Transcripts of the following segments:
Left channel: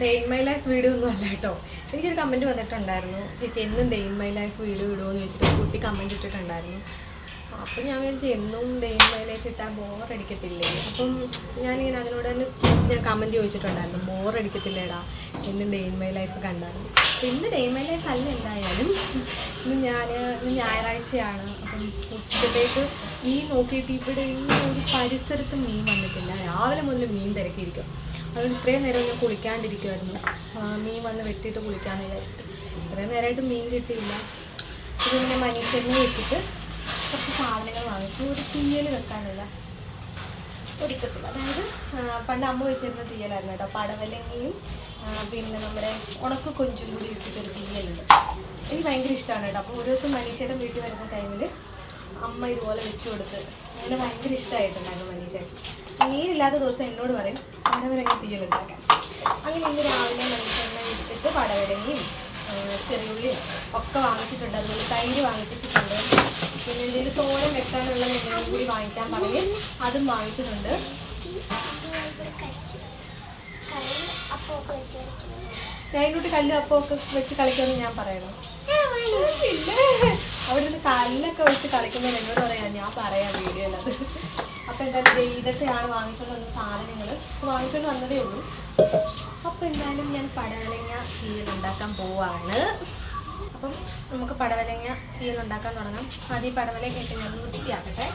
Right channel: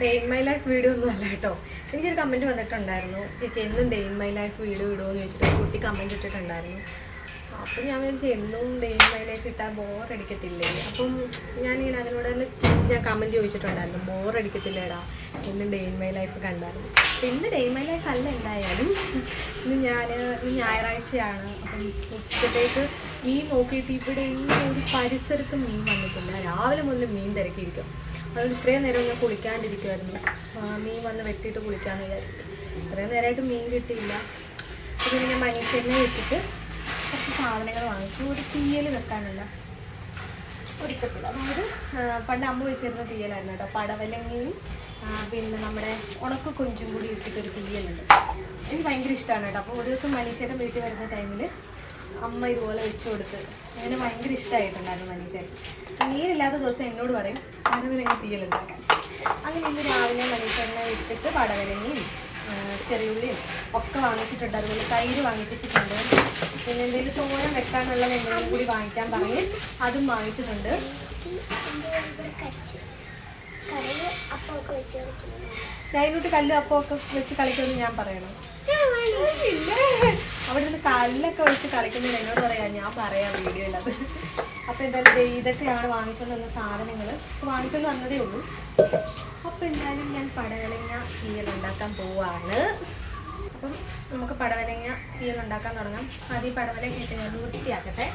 Day in my life video ഒന്നും അല്ല കേട്ടോ. എനിക്കൊരു കമന്റ് വന്നിട്ടുണ്ടായിരുന്നു. ചേച്ചി എന്നും day in my life video ഇടുമോ എന്ന് ചോദിച്ചിട്ട് കുട്ടി കമന്റ് ഇട്ടിട്ടുണ്ടായിരുന്നു. അപ്പം ഞാൻ വിചാരിച്ചു എന്നും ഡേ ഇൻ മൈ ലൈഫ് ഇട്ടാൽ ബോറടിക്കത്തില്ലേ അപ്പം ഞാനിങ്ങനെ അതിനോട് തിരിച്ച് ഞാൻ കമന്റ് ചോദിച്ചിട്ടുണ്ടായിരുന്നു ബോറടിക്കത്തില്ലേടാ എന്നും ഡേ ഇൻ മൈ ലൈഫ് കണ്ടായിരുന്നു. ഇന്ന് ഡേ ഇൻ മൈ ലൈഫ് അല്ല എന്തായാലും. ഇന്ന് ഞാൻ ഇന്ന് ഞായറാഴ്ചയാണ്. അപ്പം ഉച്ചക്കത്തേക്ക് മീൻ നോക്കിയിട്ട് ഇവിടെ ഇന്നും ഒരു പരിസരത്ത് മീൻ വന്നിട്ടില്ല. രാവിലെ മുതൽ മീൻ തിരക്കിയിരിക്കും. അതുകൊണ്ട് ഇത്രയും നേരം ഞാൻ കുളിക്കാണ്ടിരിക്കുമായിരുന്നു മീൻ വന്ന് വെട്ടിയിട്ട് കുളിക്കാമെന്ന് വിചാരിച്ചിട്ട്. ഇത്രയും നേരമായിട്ട് മീൻ കിട്ടിയില്ല. അപ്പം പിന്നെ മനുഷ്യനെ വെട്ടിയിട്ട് കുറച്ച് സാധനങ്ങൾ വാങ്ങിച്ചു. ഒരു തീയൽ വെക്കാനുള്ള ഒരിക്കത്തില്ല. അതായത് പണ്ട് അമ്മ വെച്ചിരുന്ന തീയലായിരുന്നു കേട്ടോ. പടവലങ്ങയും പിന്നെ നമ്മുടെ ഉണക്ക കൊഞ്ചും കൂടി ഇട്ടിട്ടൊരു തീയലുണ്ട്. എനിക്ക് ഭയങ്കര ഇഷ്ടമാണ് കേട്ടോ. അപ്പോൾ ഒരു ദിവസം മനീഷയുടെ വീട്ടിൽ വരുന്ന ടൈമിൽ അമ്മ ഇതുപോലെ വെച്ച് കൊടുത്ത് അങ്ങനെ ഭയങ്കര ഇഷ്ടമായിട്ടുണ്ടായിരുന്നു മനീഷൻ മീനില്ലാത്ത ദിവസം എന്നോട് പറയും പടവലങ്ങ തീയലുണ്ടാക്കാൻ. അങ്ങനെ ഇന്ന് രാവിലെ മനീഷനെ എടുത്തിട്ട് പടവലങ്ങയും ചെറിയ ചെറിയുള്ളിയും ഒക്കെ വാങ്ങിച്ചിട്ടുണ്ട്. അതുപോലെ തൈര് വാങ്ങിപ്പിച്ചിട്ടുണ്ട്. പിന്നെ എന്തെങ്കിലും തോരൻ വെക്കാനുള്ളത് എന്തെങ്കിലും കൂടി വാങ്ങിക്കാൻ പറഞ്ഞ് അതും വാങ്ങിച്ചിട്ടുണ്ട്. ലൈനോട്ട് കല്ലും അപ്പം ഒക്കെ വെച്ച് കളിക്കുമെന്ന് ഞാൻ പറയണം. അവിടെ നിന്ന് കല്ലൊക്കെ വെച്ച് കളിക്കുന്നത് എന്നോട് പറയാം ഞാൻ പറയാം വീഡിയോയിൽ അത്. അപ്പം എന്തായാലും ഇതൊക്കെയാണ് വാങ്ങിച്ചുകൊണ്ട് വന്ന സാധനങ്ങൾ വാങ്ങിച്ചുകൊണ്ട് വന്നതേ ഉള്ളൂ. അപ്പം എന്തായാലും ഞാൻ പടവലങ്ങ തീയൽ ഉണ്ടാക്കാൻ പോവാണ്. അപ്പം നമുക്ക് പടവലങ്ങ തീയൽ ഉണ്ടാക്കാൻ തുടങ്ങാം. ആദ്യം പടവലങ്ങ ഇട്ട് ഞാൻ വൃത്തിയാക്കട്ടെ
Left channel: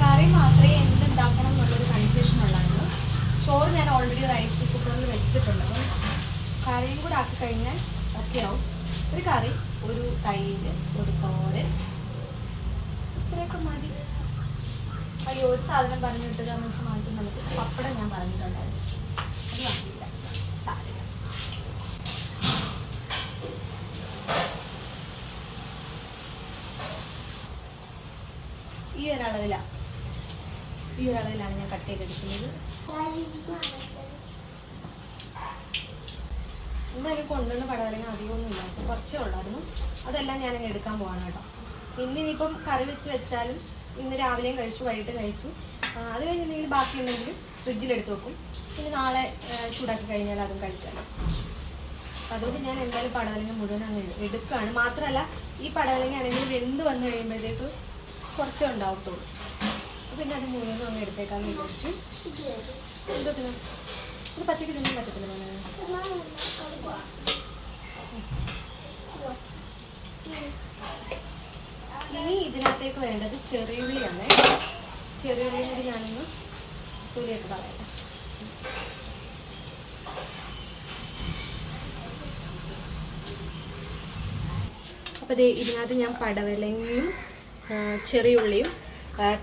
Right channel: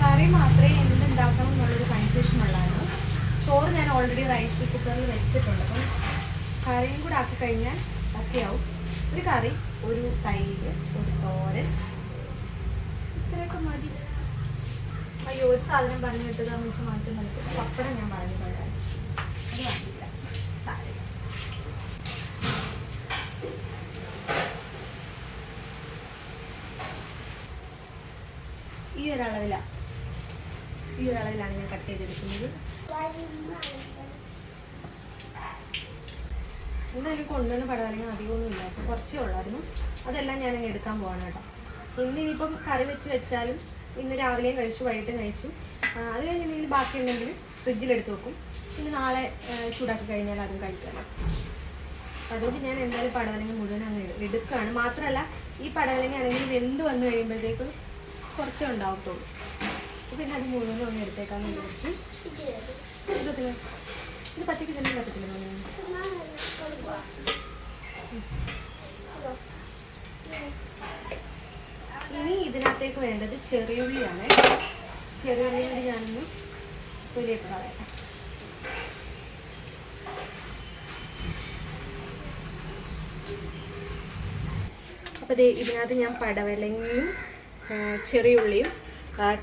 കറി മാത്രമേ എന്തുണ്ടാക്കണം എന്നുള്ളൊരു കൺഫ്യൂഷൻ ഉള്ളായിരുന്നു ചോറ് ഞാൻ ഓൾറെഡി റൈസ് കുക്കറിൽ വെച്ചിട്ടുണ്ട്. അപ്പം കറിയും കൂടെ ആക്കി കഴിഞ്ഞാൽ ഒക്കെ ആവും. ഒരു കറി ഒരു തൈര് ഒരു തോരൻ. ഇത്രയൊക്കെ മതി. സാധനം പറഞ്ഞു വിട്ടത് മനുഷ്യൻ വാങ്ങിച്ചു നമുക്ക് പപ്പടം ഞാൻ പറഞ്ഞിട്ടുണ്ടായിരുന്നു അത് സാരി. ഈ ഒരളവിലാണ് ഈ ഒരളവിലാണ് ഞാൻ കട്ട് ചെയ്തെടുക്കുന്നത്. എന്തായാലും കൊണ്ടുവന്ന പടവലങ്ങ അധികമൊന്നുമില്ല ഇല്ല. കുറച്ചേ ഉള്ളായിരുന്നു. അതെല്ലാം ഞാൻ എടുക്കാൻ പോവാണ് കേട്ടോ. ഇന്നിനിപ്പം കറി വെച്ച് വെച്ചാലും ഇന്ന് രാവിലെയും കഴിച്ചു വൈകിട്ടും കഴിച്ചു. അത് കഴിഞ്ഞ് എന്തെങ്കിലും ബാക്കി ഉണ്ടെങ്കിൽ ഫ്രിഡ്ജിൽ എടുത്ത് വെക്കും. പിന്നെ നാളെ ചൂടാക്കി കഴിഞ്ഞാൽ അതും കഴിക്കാം. അതുകൊണ്ട് ഞാൻ എന്തായാലും പടവലങ്ങ മുഴുവൻ അങ്ങ് എടുക്കുകയാണ്. മാത്രമല്ല ഈ പടവലങ്ങ ആണെങ്കിൽ വെന്ത് വന്നു കഴിയുമ്പോഴത്തേക്ക് കുറച്ചേ ഉണ്ടാവത്തുള്ളൂ. പിന്നെ അത് മുഴുവനും അങ്ങ് എടുത്തേക്കാന്ന് വിചാരിച്ചു. ഇത് പച്ചക്ക് തന്നെ പറ്റത്തില്ല മോനെ. ഇനി ഇതിനകത്തേക്ക് വേണ്ടത് ചെറിയുള്ളിയാണ്. ചെറിയുള്ളി കൂടി ഞാനൊന്ന് തൊലിയൊക്കെ കളയട്ടെ. അപ്പോൾ ദേ ഇതിനകത്ത് ഞാൻ പടവലങ്ങയും ചെറിയുള്ളിയും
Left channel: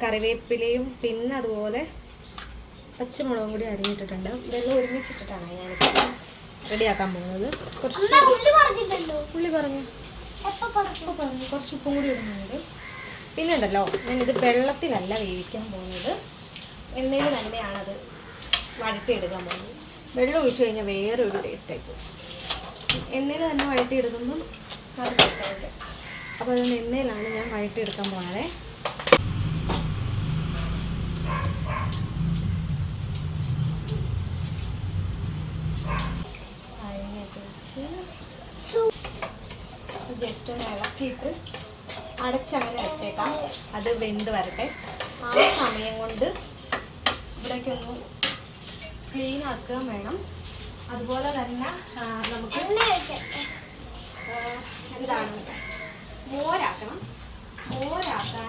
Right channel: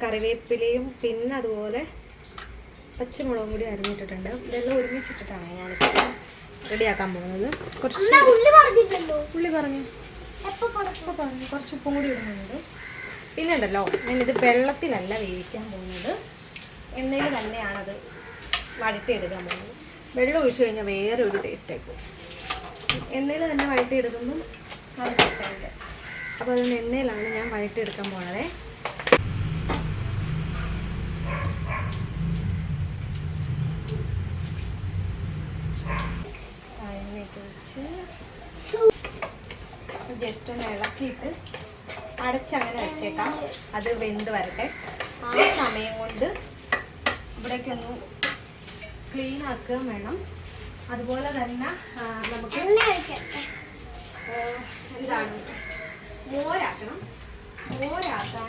കറിവേപ്പിലയും പിന്നെ അതുപോലെ പച്ചമുളകും കൂടി അരിഞ്ഞിട്ടിട്ടുണ്ട്. ഇതെല്ലാം ഒരുമിച്ചിട്ടിട്ടാണ് ഞാനിപ്പോൾ റെഡിയാക്കാൻ പോകുന്നത്. കുറച്ച് ഉള്ളി പറഞ്ഞു? കുറച്ച് ഉപ്പും കൂടി ഇടുന്നുണ്ട്. പിന്നെ ഉണ്ടല്ലോ ഞാനിത് വെള്ളത്തിലല്ല വേവിക്കാൻ പോകുന്നത്. എണ്ണയിൽ തന്നെയാണത് വഴറ്റിയെടുക്കാൻ പോകുന്നത്. വെള്ളം ഒഴിച്ചു കഴിഞ്ഞാൽ വേറെ ഒരു ടേസ്റ്റ് ആയിപ്പോകും എണ്ണയിൽ തന്നെ വഴറ്റിയെടുക്കുമ്പം നല്ല ടേസ്റ്റായിട്ട് അപ്പോൾ അതുകൊണ്ട് എണ്ണയിലാണ് ഞാൻ വഴറ്റിയെടുക്കാൻ പോകുന്നത് എണ്ണയൊക്കെ വെച്ച് ജസ്റ്റ് ഒന്ന് ഇളക്കിയിട്ട് അടച്ചങ്ങനെ വെച്ചേക്കാം. അത് വെന്ത് വരട്ടെ. ആ സമയം കൊണ്ട് ഇവിടേക്കൊന്ന് ക്ലീൻ ആക്കുക വേണം. അതുപോലെ തന്നെ നമുക്ക് എന്താണ് മോരാക്കണം. മോരാക്കാൻ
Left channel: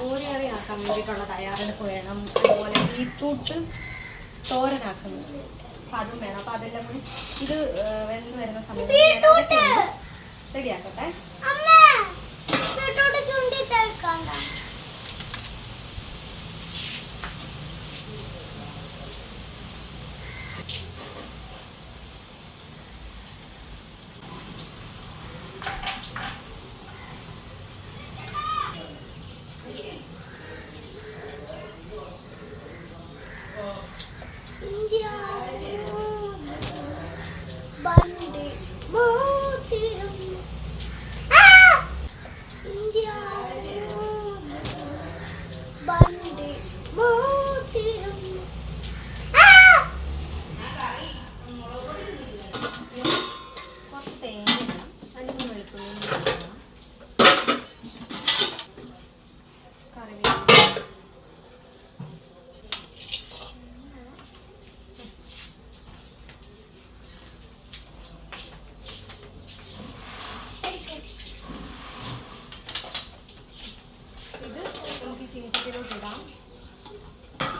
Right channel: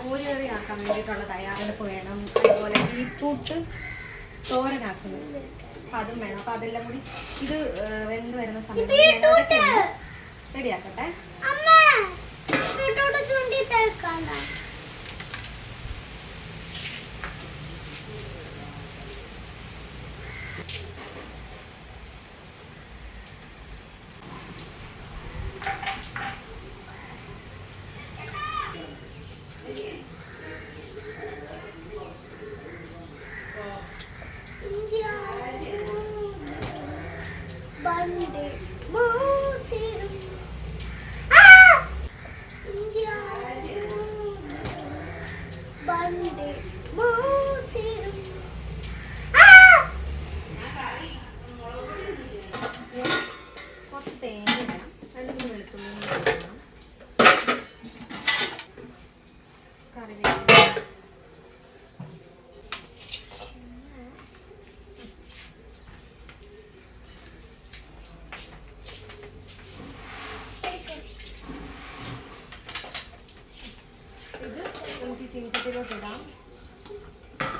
മോരറിയാക്കാൻ വേണ്ടിയിട്ടുള്ള തയ്യാറെടുപ്പ് വേണം. അതുപോലെ ബീട്രൂട്ട് തോരനാക്കുന്നത്. അപ്പം അതും വേണം. അപ്പം അതെല്ലാം കൂടി ഇത് വെന്ത് വരുന്ന സമയത്ത് ഞാൻ അതൊക്കെ ഒന്ന് റെഡിയാക്കട്ടെ.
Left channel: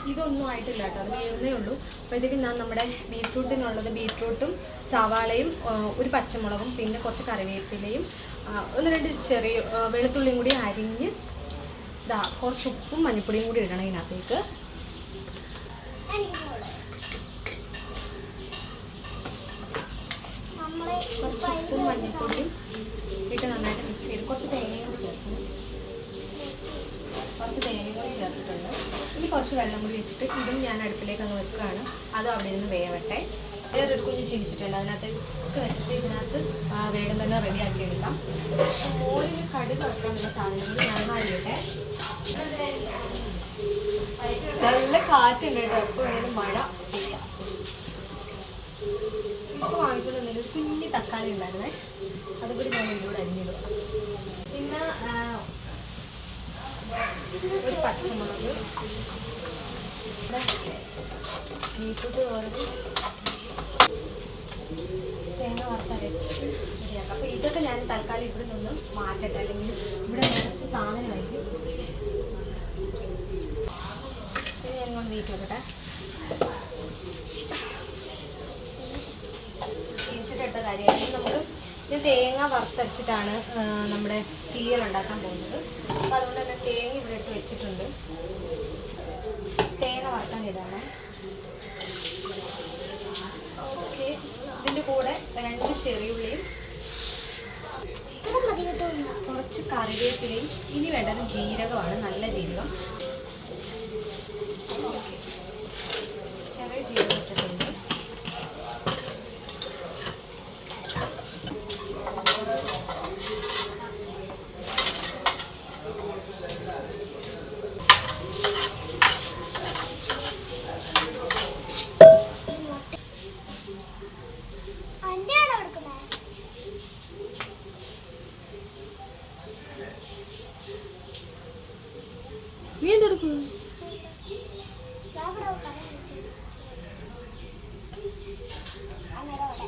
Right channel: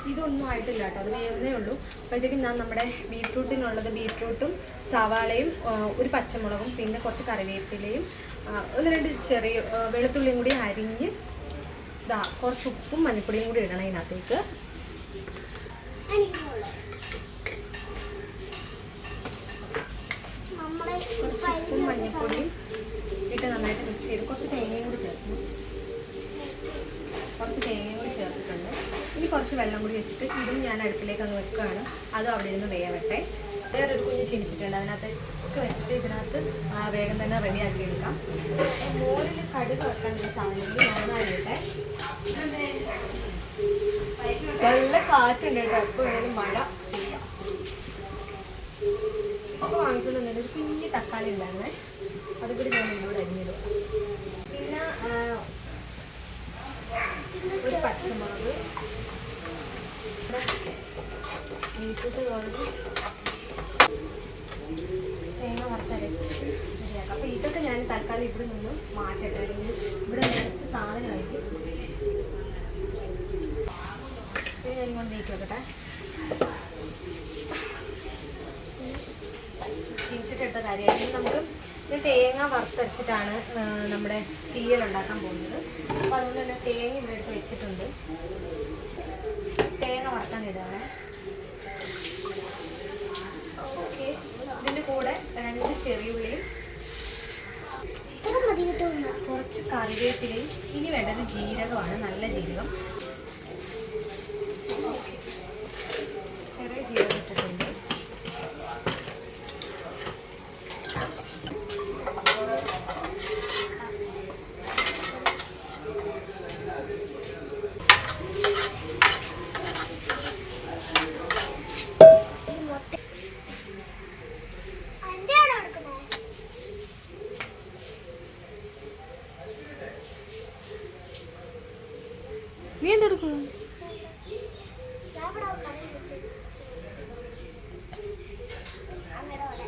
ഇതൊന്നും ആയിട്ടില്ല കേട്ടോ. അത് വേവുന്നേ ഉള്ളൂ. അപ്പോഴത്തേക്കും ഞാൻ നമ്മുടെ ബീറ്റ്റൂട്ടിനുള്ളത് ബീറ്റ്റൂട്ടും സവാളയും ഒരു പച്ചമുളകും പിന്നെ കുറച്ച് കറിവേപ്പിലയും ഒന്ന് രണ്ട് ചെറിയ വെളുത്തുള്ളിയും കൂടി അരിഞ്ഞ് ഇതാ കുറച്ച് ഉപ്പും മഞ്ഞപ്പൊടിയും കൂടി ഇടണം ഇതിനകത്തേക്ക്. കുറച്ച് ഉപ്പും മഞ്ഞപ്പൊടിയും ഇട്ട് നന്നായിട്ട് മിക്സ് ചെയ്ത് കുറച്ച് തേങ്ങയും കൂടി ചേർക്കും കുറച്ച് തേങ്ങയും കൂടി ചേർത്തിട്ടുണ്ട്. ഇനി കുറച്ച് വെള്ളം കൂടി വെച്ചിട്ട് ഇതും ഞാൻ അടുപ്പിലേക്ക് അങ്ങ് വെക്കുകയാണ്. അതും അവിടെ ഇരുന്ന് വേവട്ടെ. വേറൊരു കുഞ്ഞ് ചീനിച്ചിട്ടുണ്ട് അതിനകത്ത് ഒക്കെ വെച്ചിട്ട് ഇതിനകത്ത് വേഗം തന്നെ റെഡിയാക്കി എടുക്കാം മോരിൽ കടുക് വെക്കാനുള്ള സാധനങ്ങൾ ഞാൻ അറിയട്ടെ നല്ല കാറ്റുണ്ട് കേട്ടോ. എപ്പോഴും മഴ ഇല്ല ഇപ്പോൾ വാങ്ങിച്ചുകൊണ്ട് വന്നത് ഒരു കുഞ്ഞ് തക്കാളി ഉണ്ടായിരുന്നേ. അതുകൂടി ഞാൻ ഇതിലൂടെ അരിഞ്ഞിടുക പിന്നെ ഒരു പച്ചമുളക്. ബീറ്റ്റൂട്ട് തോരന് ഇതൊക്കെ ഞാൻ തൽക്കാലം ഇവിടെ നിന്ന് മാറ്റട്ടെ. അല്ലെങ്കിൽ ഇവിടെ നിറച്ച് സാധനമായിരിക്കും. ഇത് ഞാൻ കൊണ്ട് നീക്കി വെക്കട്ടെ ചീനിച്ചിട്ടിട്ട കാര്യമായിട്ട് നമുക്ക് ഇത് തേങ്ങ വറുത്തരച്ചിട്ടാണ് നമ്മുടെ തീയൽ ഉണ്ടാക്കാൻ പോകുന്നത്. അപ്പോൾ അതുകൊണ്ട് തന്നെ തേങ്ങ ഇവിടെ ഇട്ട് വെച്ചിട്ടുണ്ട്. തേങ്ങ വറുക്കാൻ ഇടാണ് ഇതിന്റെ കൂടെ രണ്ട് ചെറിയുള്ളിയും കുറച്ച് കറിവേപ്പിലയും ഇനി വേണ്ടത് ജീരകമാണ് നല്ല ജീരകം ചെറിയ ജീരകം ഇട്ടിട്ടുണ്ട് അന്റെയാണോ എടുക്കുന്നത് നീ എന്തെടുക്കും ഞാൻ ഇവിടെ കടയിൽ വെച്ചു അങ്ങനെ അവിടെ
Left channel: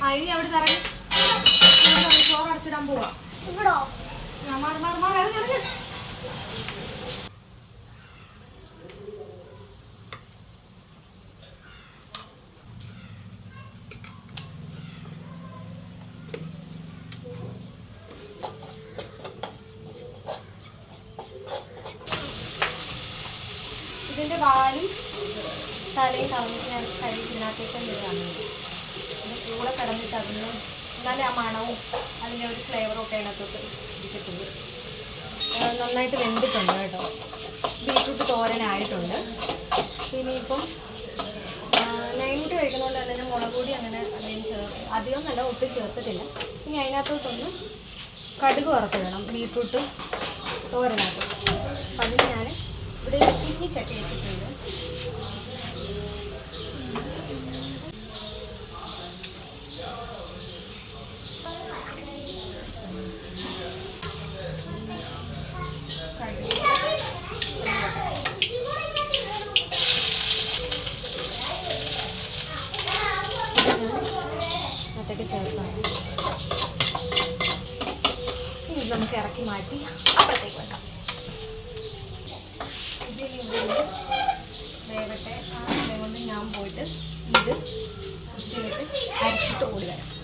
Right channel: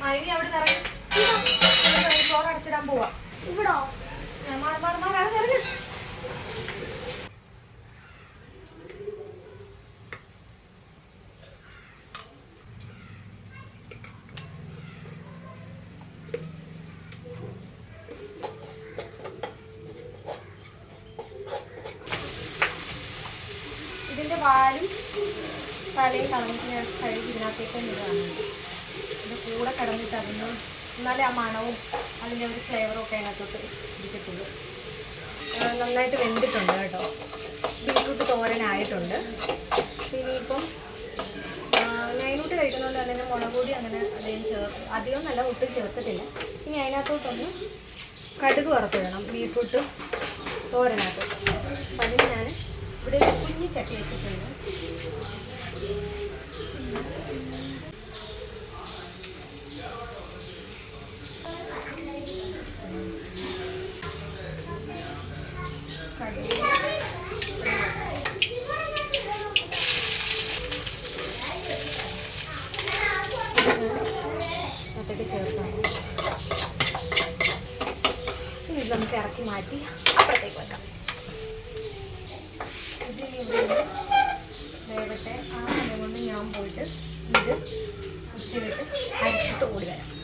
ആ ഇനി അവിടെ ഇറങ്ങി ചോറ് അടച്ചിടാൻ പോവാ ഇവിടോ ആ, മാറ് മാറ് മാറ് ഇറങ്ങ് ഇറങ്ങ് ഇതിന്റെ വാലും തലയും കളഞ്ഞിട്ട് ഞാൻ കഴുകി ഇതിനകത്തേക്ക് ഇടുകയാണ് ഇത് കൂടെ കിടന്നിട്ട് അതിന് എന്നാലേ ആ മണവും അതിന്റെ ഒരു ഫ്ലേവറും ഒക്കെ അതിനകത്തോട്ട് ഇരിക്കത്തുള്ളൂ. നന്നായിട്ട് വെന്തിട്ടുണ്ട് കേട്ടോ. ബീട്രൂട്ട് തോരനായിട്ടുണ്ട്. പിന്നെ ഇപ്പം നൈനൂട്ട് കഴിക്കുന്നതുകൊണ്ട് തന്നെ ഞാൻ മുളക് അങ്ങനെ അതിന് ചേർത്ത് അധികം നല്ല ഒട്ടും ചേർത്തിട്ടില്ല. ഇനി അതിനകത്തോട്ടൊന്ന് കടുക് വറുത്തിടണം ബീട്രൂട്ട് തോരനകത്തോട്ട് അപ്പം അതിന് ഞാൻ ഇവിടെ കുഞ്ഞി ചട്ടി വെച്ചിട്ടുണ്ട് കടുക് അതൊക്കെ ചേർക്കാം ഇനി ഇത് നമുക്ക് ഇറക്കി മാറ്റി അപ്പുറത്തേക്ക് വെക്കാം ഇത് ഇവിടെ ഇരുന്ന് വേവട്ടെ ആ സമയം കൊണ്ട് ഞാൻ പോയിട്ട് ഇത് മിക്സിയിലിട്ട് അരച്ചിട്ട് ഓടി വരാം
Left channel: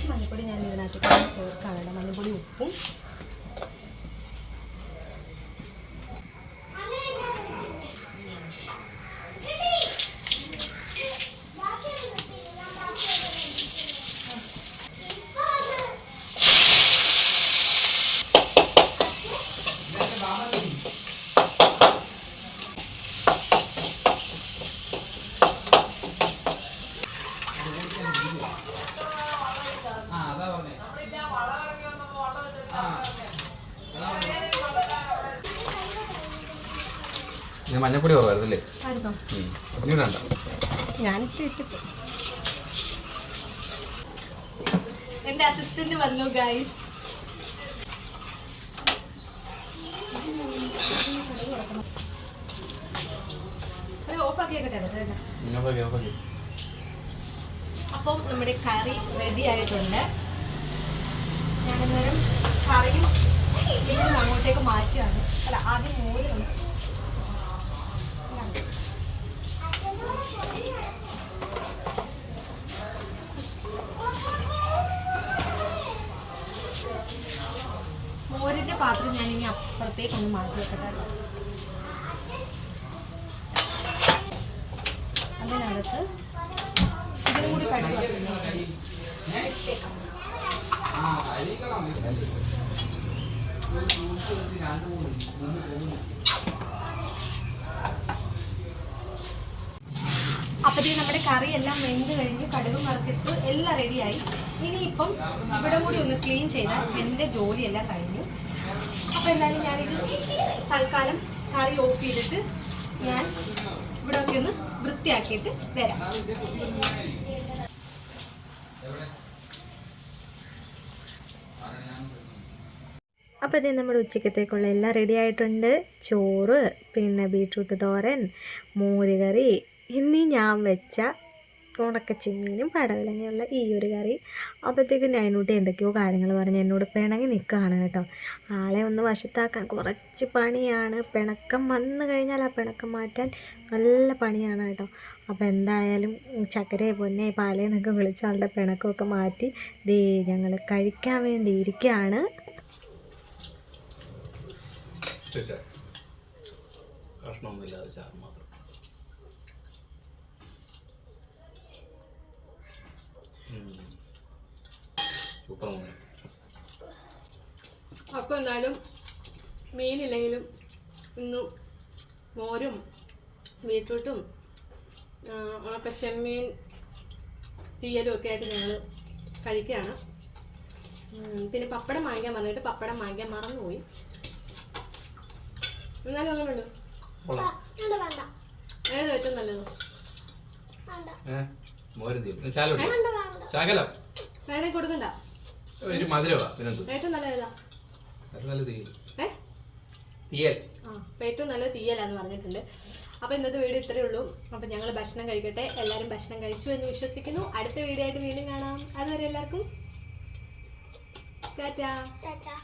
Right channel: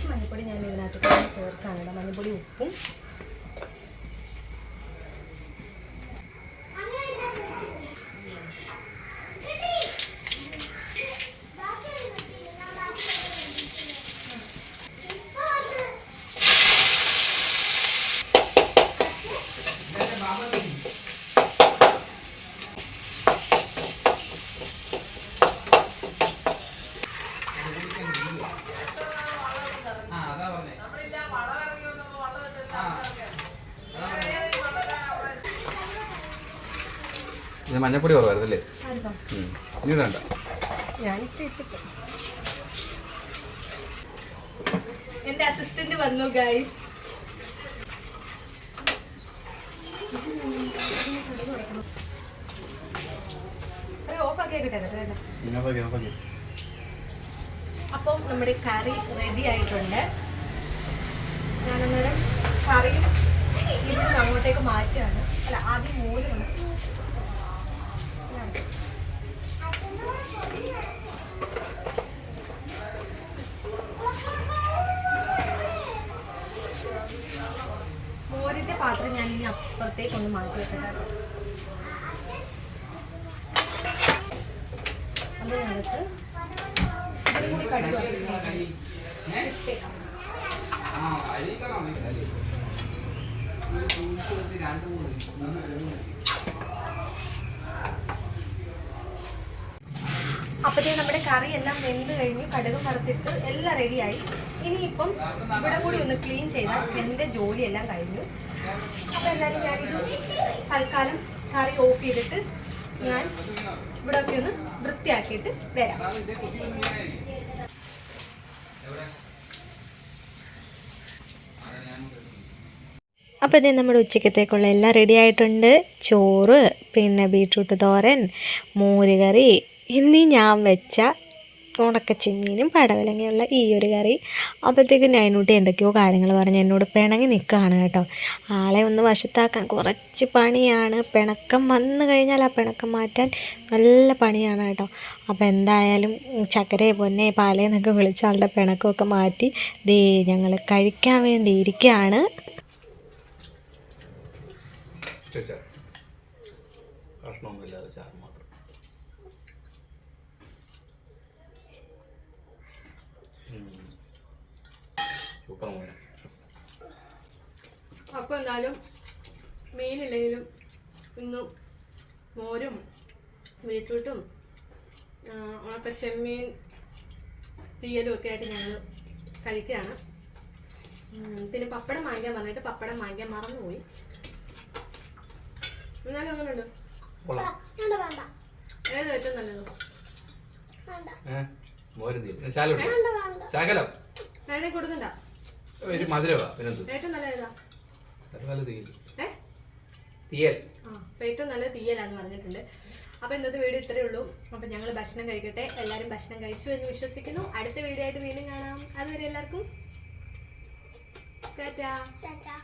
കുറച്ച് മഞ്ഞൾപ്പൊടി ഞാൻ ഇതിനകത്ത് ചേർക്കാനുണ്ട്. മഞ്ഞൾപ്പൊടി ഉപ്പും ഇത് മഞ്ഞപ്പൊടി കുറവായിരുന്നല്ലേ? ഇനി ഇട്ടിട്ട് എന്റെ അസിസ്റ്റന്റ് വന്നു ഗൈസ് അപ്പം നമ്മുടെ കറി റെഡി ആയിട്ടുണ്ട്. ഞാനന്നേരം കറി ഇവിടുന്ന് അങ്ങോട്ടേക്ക് മാറ്റുകയാണ്. അല്ല ആദ്യം മോര് നമുക്ക് മോരിന്റെ പാത്രം ഞാൻ ഇനി അപ്പുറത്തേക്ക് ഒന്ന് മാറ്റി വെക്കട്ടെ കേട്ടോ. അതിനകത്ത് ഇതിനും കൂടി കടുക് വറുത്തില്ലേ? അപ്പത്തേക്ക് നമ്മുടെ കറി എല്ലാം വെന്ത് കഴിഞ്ഞു കടുക് വറുത്തിട്ട് എല്ലാം റെഡിയായി ഇനിയിപ്പം ഇവിടെ കൂടി ഒന്ന് ക്ലീൻ ചെയ്താൽ എന്റെ ജോലിയെല്ലാം കഴിഞ്ഞു. അപ്പോൾ എന്തായാലും ഞാനിത് തൽക്കാലം കറി ഓഫ് ചെയ്തിട്ട് ഞാൻ ഇവിടെ ഒക്കെ ഒന്ന് വൃത്തിയാക്കിയിട്ട് വരാം. അപ്പോൾ ഇതേ നമ്മുടെ ഉച്ചക്കത്തേക്കുള്ള എല്ലാം റെഡി ആയിട്ടുണ്ട്. ചോറ് പിന്നെ ബീട്രൂട്ട് തോരൻ മോരുകറി ഇന്നീ ഞാൻ വെച്ച ഉണക്കച്ചിമ്മീനും പടവലങ്ങയുള്ള ഈ ഒരു കറി. അപ്പോഴത്തേക്ക് നൈനൂട്ടി എന്തൊക്കെയോ കാര്യങ്ങൾ പറഞ്ഞ് എന്നോട് പിണങ്ങി നിൽക്കുകയാണ് കേട്ടോ. ആളെ ഒന്ന് വശത്താക്കാൻ കുറച്ച് പണിയാണ്. പിണക്കം വന്നു കഴിഞ്ഞാൽ ആ പിണക്കം മാറ്റാൻ നല്ല പണിയാണ് കേട്ടോ. അപ്പോൾ എന്തായാലും ചക്കരയെ പൊന്നെ പാലേന്നൊക്കെ വിളിച്ച ആളുടെ പിണക്കമൊക്കെ മാറ്റി ദേ ഞങ്ങൾ കഴിക്കാൻ വേണ്ടി ഇരിക്കുകയാണ്. കഷ്ണമൊന്നുമില്ലാതെ ചാറ് മാത്രം സൂപ്പർ മോനെ അപ്പോൾ എന്തായാലും മീനില്ലെങ്കിലും ഇന്നും മോരും ബീട്രൂട്ടും ഒക്കെ ചെമ്മീൻ തീയലും ഒക്കെ ആയിട്ട് ഞങ്ങൾ കഴിക്കുകയാണ്. പിന്നെ പപ്പടം വാങ്ങിക്കാൻ പറഞ്ഞിട്ട് പപ്പടം വാങ്ങിക്കാൻ മറന്നുപോയി. എന്നാലും അങ്ങനെയുണ്ട്. കൊള്ളാം. വേണ്ട വേണ്ട. ഏത് ഏറ്റവും നല്ലത്? വേണ്ട. ഏ മോരും തീരും ശാലം വേണ്ട വേണ്ട. ശാകലം. വേണമെങ്കിൽ കൊടുക്കണ്ട. ഒരു മധുരവാ പിന്നെന്ത്? ഏറ്റവും നല്ല ഏതാ? നല്ല തീയൽ. തീയൽ ഏറ്റവും നല്ല തീയലാന്ന് പറഞ്ഞിട്ടുണ്ട്. അപ്പോൾ ഇന്നത്തെ വീഡിയോ ഇത്രയേ ഉള്ളൂ. അപ്പോൾ ഞങ്ങൾ ഭക്ഷണം കഴിക്കട്ടെ. എല്ലാവരും ഭക്ഷണം കഴിച്ചു എന്ന് വിശ്വസിക്കുന്നു. അടുത്ത വീഡിയോ ആയിട്ട് വീണ്ടും കാണാം. അതുവരെ എല്ലാവർക്കും ടാറ്റാ. ടാറ്റാ.